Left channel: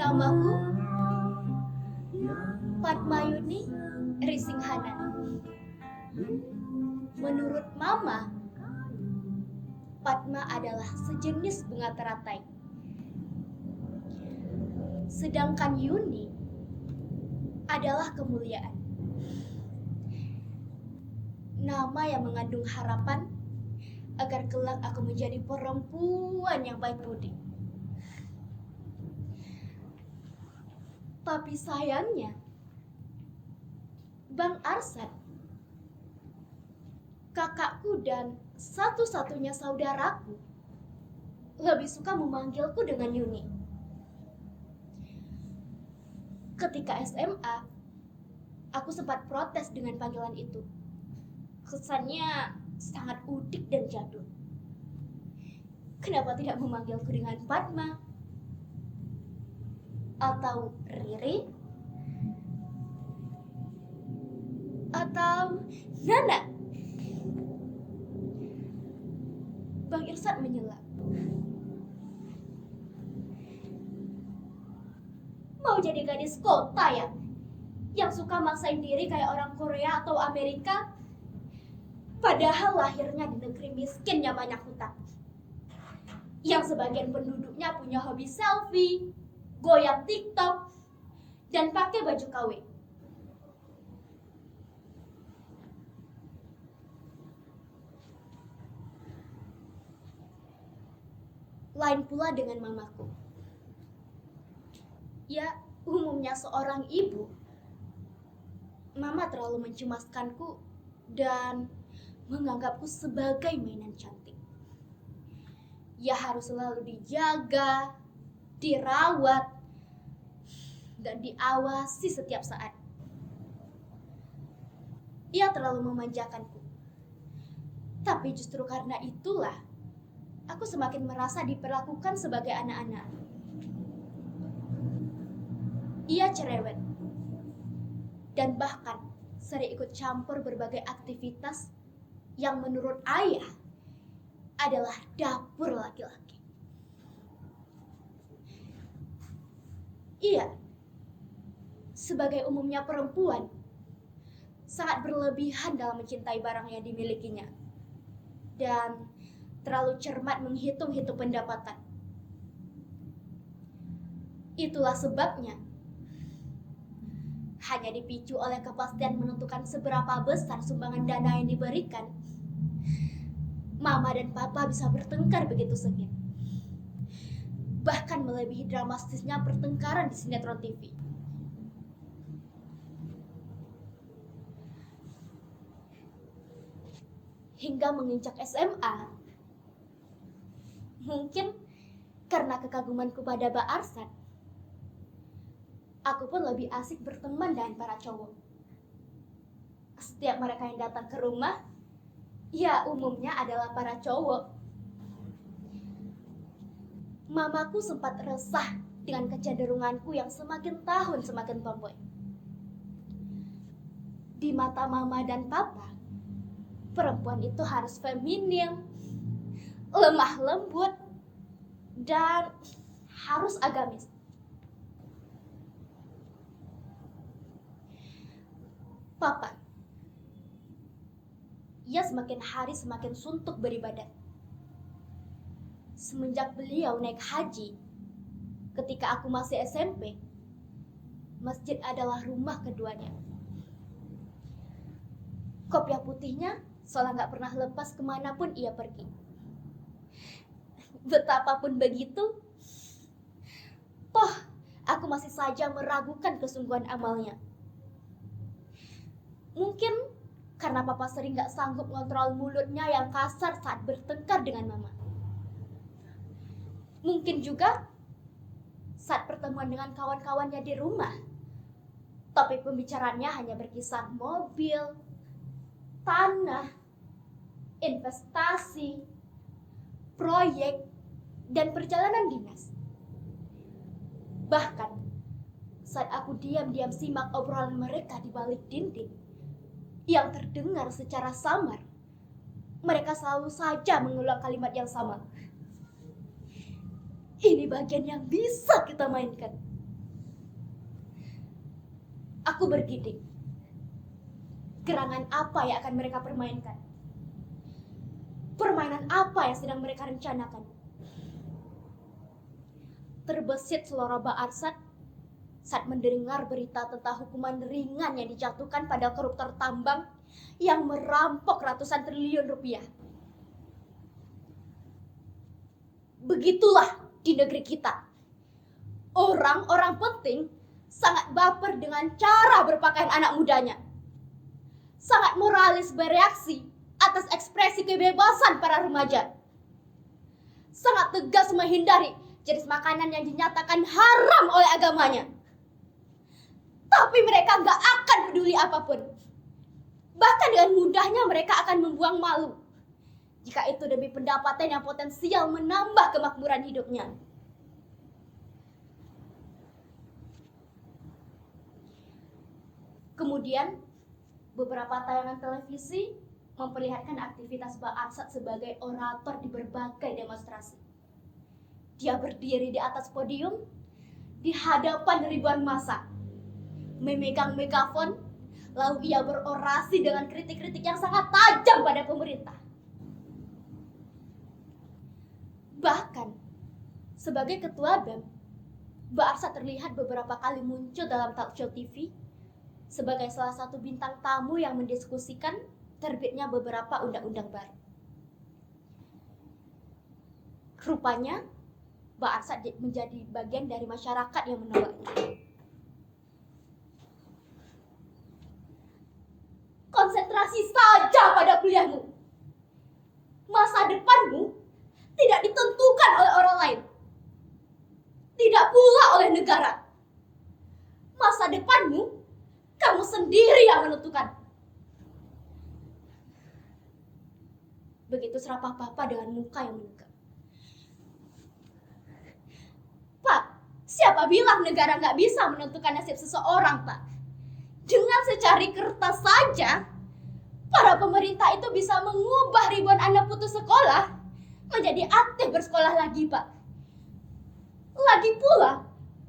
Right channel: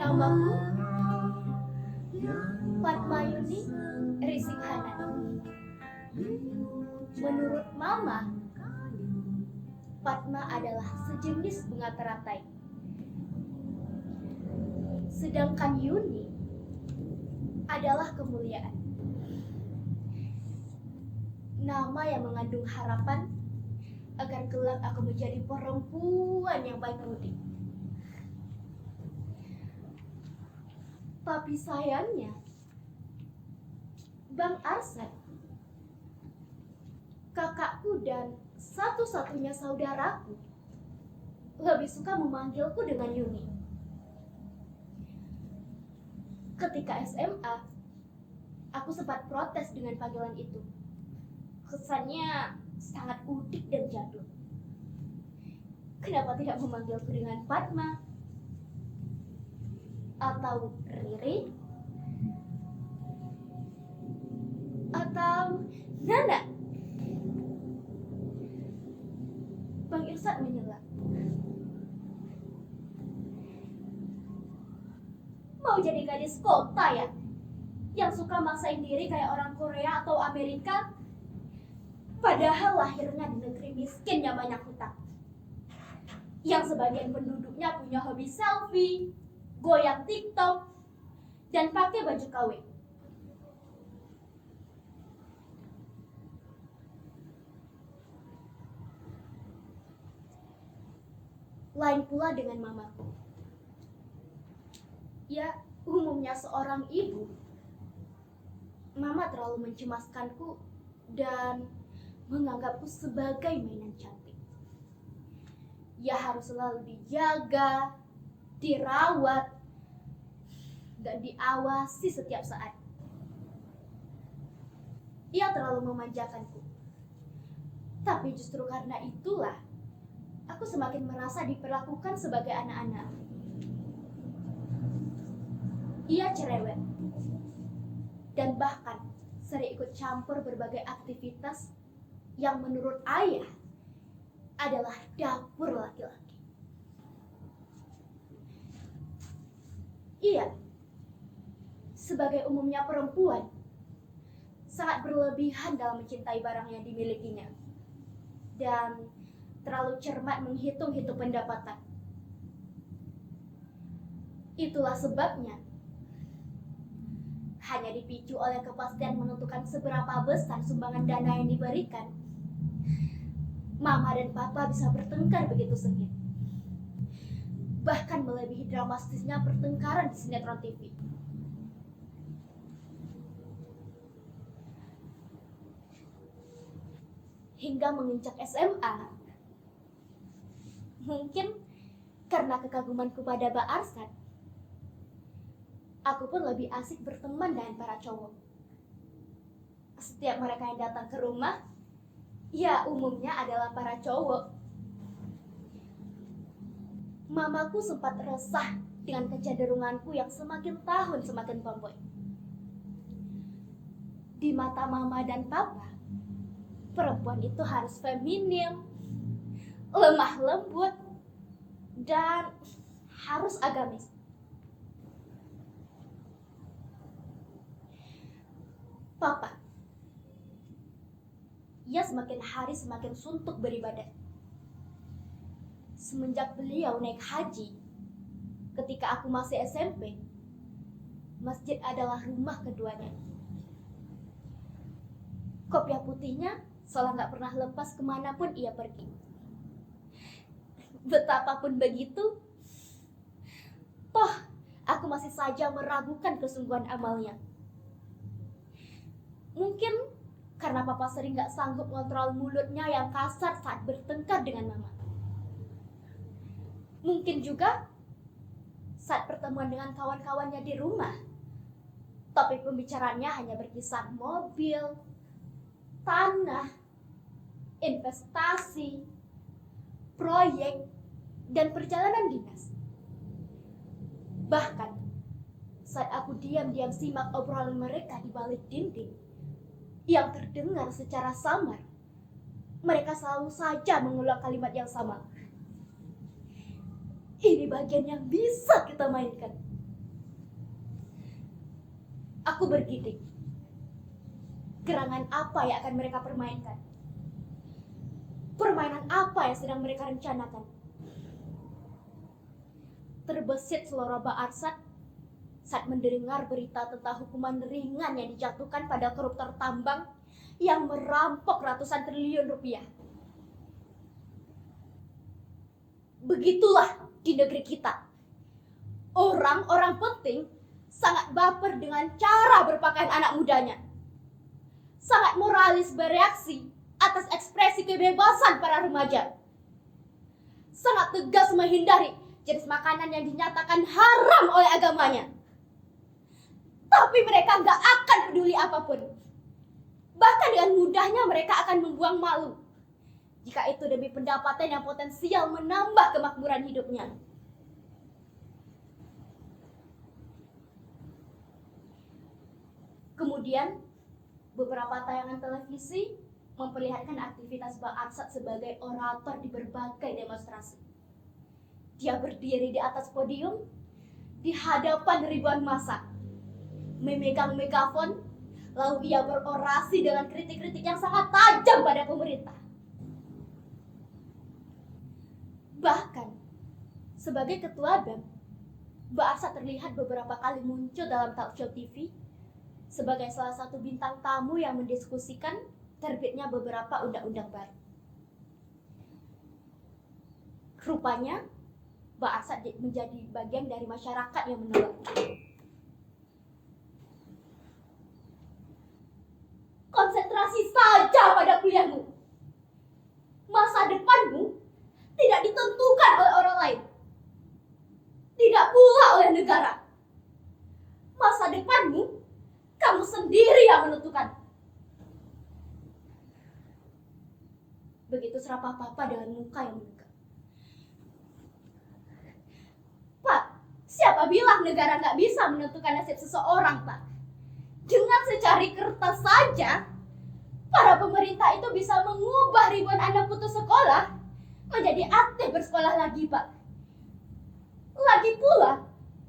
Namaku Padmayuni Risinghanan. Menurut Mama, Padma adalah sejenis bunga teratai. Sedangkan Yuni adalah kemuliaan. Nama yang mengandung harapan agar kelak aku menjadi perempuan yang baik budi. Tapi sayangnya, Bang Arsad, kakakku dan satu-satunya saudaraku, lebih suka memanggilku dengan Yuni. Ketika SMA, aku sempat protes dengan panggilan itu. Kesannya sangat udik dan jadul. Kenapa tidak memanggilku dengan Padma? Atau Riri? Atau Nana? Bang Irsad menyela. Mau jadi gadis kota ya? Yang suka maksain diri kayak orang Korea atau Amerika? Padahal lahirnya di negeri miskin yang banyak hutang. Yang sebagian penduduknya punya hobi selfie, goyang TikTok, dan pakai baju KW. Lain pula dengan mamaku. Ya, umumnya seorang ibu, Mama terlalu mencemaskanku dan menganggapku sebagai mainan cantik. Ya harus selalu dijaga, dirawat, dan diawasi setiap saat. Ia terlalu memanjakanku. Tapi justru karena itulah, aku semakin merasa diperlakukan sebagai anak-anak. Ia cerewet, dan bahkan sering ikut campur berbagai aktivitas yang menurut ayah adalah dapur laki-laki. Ia, sebagai umumnya perempuan, sangat berlebihan dalam mencintai barang yang dimilikinya dan terlalu cermat menghitung-hitung pendapatan. Itulah sebabnya hanya dipicu oleh kepastian menentukan seberapa besar sumbangan dana yang diberikan, Mama dan Papa bisa bertengkar begitu sengit. Bahkan melebihi dramatisnya pertengkaran di sinetron TV. Hingga menginjak SMA, mungkin karena kekagumanku pada Mbak Arsad, aku pun lebih asik berteman dengan para cowok. Setiap mereka yang datang ke rumah, ya umumnya adalah para cowok. Mamaku sempat resah dengan kecenderunganku yang semakin tahun semakin tomboy. Di mata Mama dan Papa, perempuan itu harus feminim, lemah lembut, dan harus agamis. Papa, ia semakin hari semakin suntuk beribadah. Semenjak beliau naik haji, ketika aku masih SMP, masjid adalah rumah keduanya. Kopiah putihnya seolah gak pernah lepas kemanapun ia pergi. Betapapun begitu, toh aku masih saja meragukan kesungguhan amalnya. Mungkin karena papa sering gak sanggup ngontrol mulutnya yang kasar saat bertengkar dengan mama. Mungkin juga saat pertemuan dengan kawan-kawannya di rumah, topik pembicaraannya hanya berkisar mobil, tanah, investasi, proyek, dan perjalanan dinas. Bahkan saat aku diam-diam simak obrolan mereka di balik dinding yang terdengar secara samar, mereka selalu saja mengulang kalimat yang sama. Ini bagian yang bisa kita mainkan. Aku bergidik. Gerangan apa yang akan mereka permainkan? Permainan apa yang sedang mereka rencanakan? Terbesit selera Ba'arsad saat mendengar berita tentang hukuman ringan yang dijatuhkan pada koruptor tambang yang merampok ratusan triliun rupiah. Begitulah di negeri kita. Orang-orang penting sangat baper dengan cara berpakaian anak mudanya. Sangat moralis bereaksi atas ekspresi kebebasan para remaja. Sangat tegas menghindari jenis makanan yang dinyatakan haram oleh agamanya. Tapi mereka gak akan peduli apapun. Bahkan dengan mudahnya mereka akan membuang malu jika itu demi pendapatan yang potensial menambah kemakmuran hidupnya. Kemudian, beberapa tayangan televisi memperlihatkan aktivitas Ba'arsad sebagai orator di berbagai demonstrasi. Dia berdiri di atas podium di hadapan ribuan massa, memegang megafon, lalu ia berorasi dengan kritik-kritik yang sangat tajam pada pemerintah. Bahkan, sebagai ketua BEM, Ba'arsad terlihat beberapa kali muncul dalam talk show TV sebagai salah satu bintang tamu yang mendiskusikan terbitnya beberapa undang-undang baru. Rupanya, Ba'arsad menjadi bagian dari masyarakat yang menolaknya. Konsentrasi saja pada kuliahmu. Masa depanmu tidak ditentukan oleh orang lain. Tidak pula oleh negara. Masa depanmu, kamu sendiri yang menentukan. Begitu serapah papa dengan muka yang menegak. Pak, siapa bilang negara gak bisa menentukan nasib seseorang, Pak? Dengan secari kertas saja, para pemerintah itu bisa mengubah ribuan anak putus sekolah menjadi aktif bersekolah lagi, Pak. Lagi pula,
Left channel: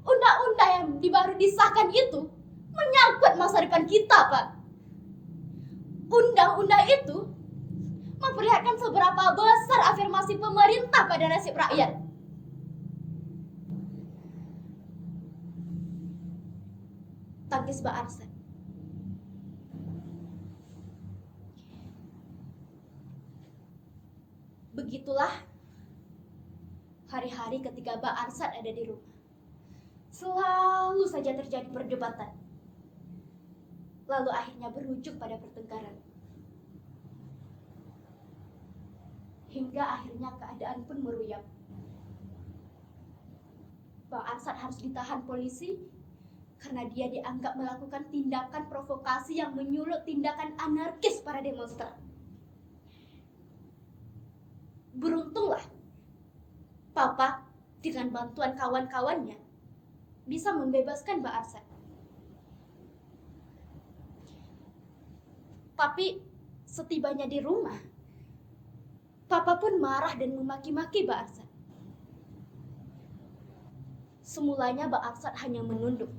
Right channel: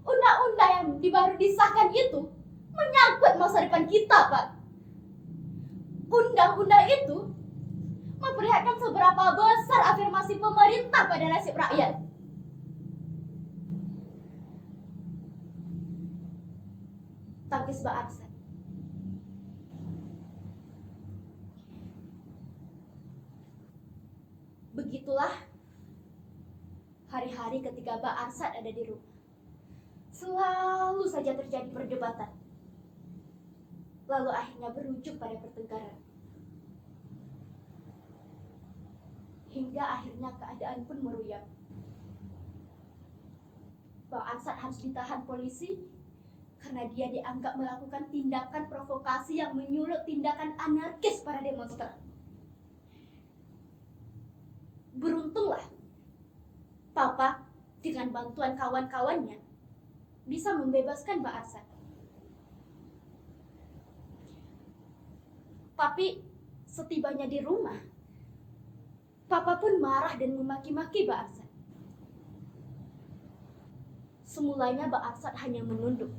undang-undang yang baru disahkan itu menyangkut masa depan kita, Pak. Undang-undang itu memperlihatkan seberapa besar afirmasi pemerintah pada nasib rakyat. Tangkis Ba'arsad. Begitulah hari-hari ketika Ba'arsad ada di rumah. Selalu saja terjadi perdebatan. Lalu akhirnya berujung pada pertengkaran. Hingga akhirnya keadaan pun meruyap. Ba'arsad harus ditahan polisi karena dia dianggap melakukan tindakan provokasi yang menyulut tindakan anarkis para demonstran. Beruntunglah Papa dengan bantuan kawan-kawannya bisa membebaskan Ba'arsad. Tapi setibanya di rumah, Papa pun marah dan memaki-maki Ba'arsad. Semulanya Ba'arsad hanya menunduk.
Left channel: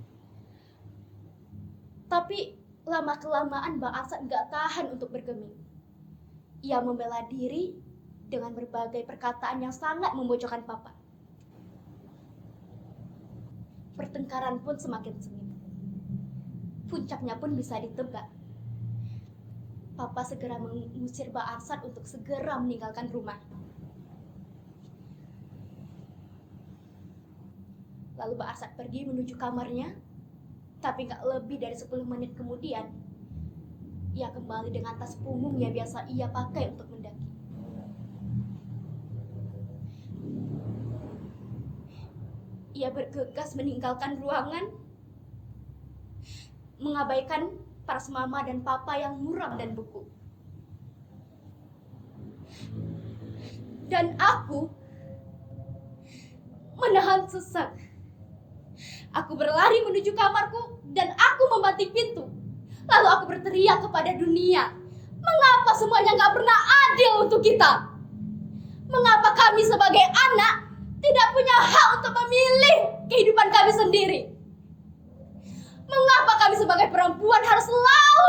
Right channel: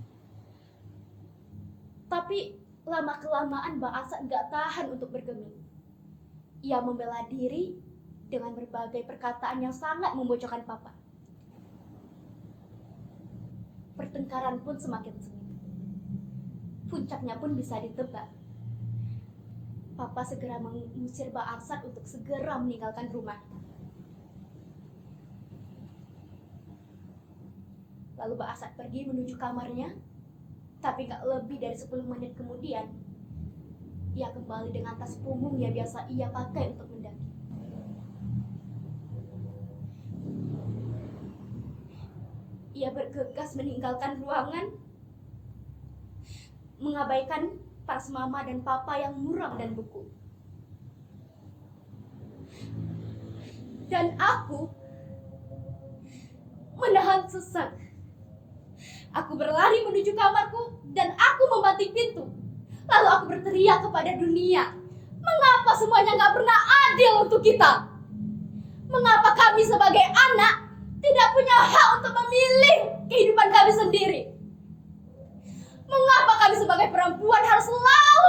Tapi lama-kelamaan Ba'arsad gak tahan untuk bergeming. Ia membela diri dengan berbagai perkataan yang sangat membojokkan Papa. Pertengkaran pun semakin sengit. Puncaknya pun bisa ditebak. Papa segera mengusir Ba'arsad untuk segera meninggalkan rumah. Lalu Ba'arsad pergi menuju kamarnya, tapi gak lebih dari 10 menit kemudian, Ia kembali dengan tas punggung yang biasa ia pakai untuk mendaki. Ia bergegas meninggalkan ruangan, mengabaikan tas mama dan papa yang muram dan beku. Dan aku menahan sesak. Aku berlari menuju kamarku dan aku membanting pintu. Lalu aku berteriak kepada dunia, mengapa semuanya gak pernah adil untuk kita? Mengapa kami sebagai anak tidak punya hak untuk memilih kehidupan kami sendiri? Mengapa kami sebagai perempuan harus selalu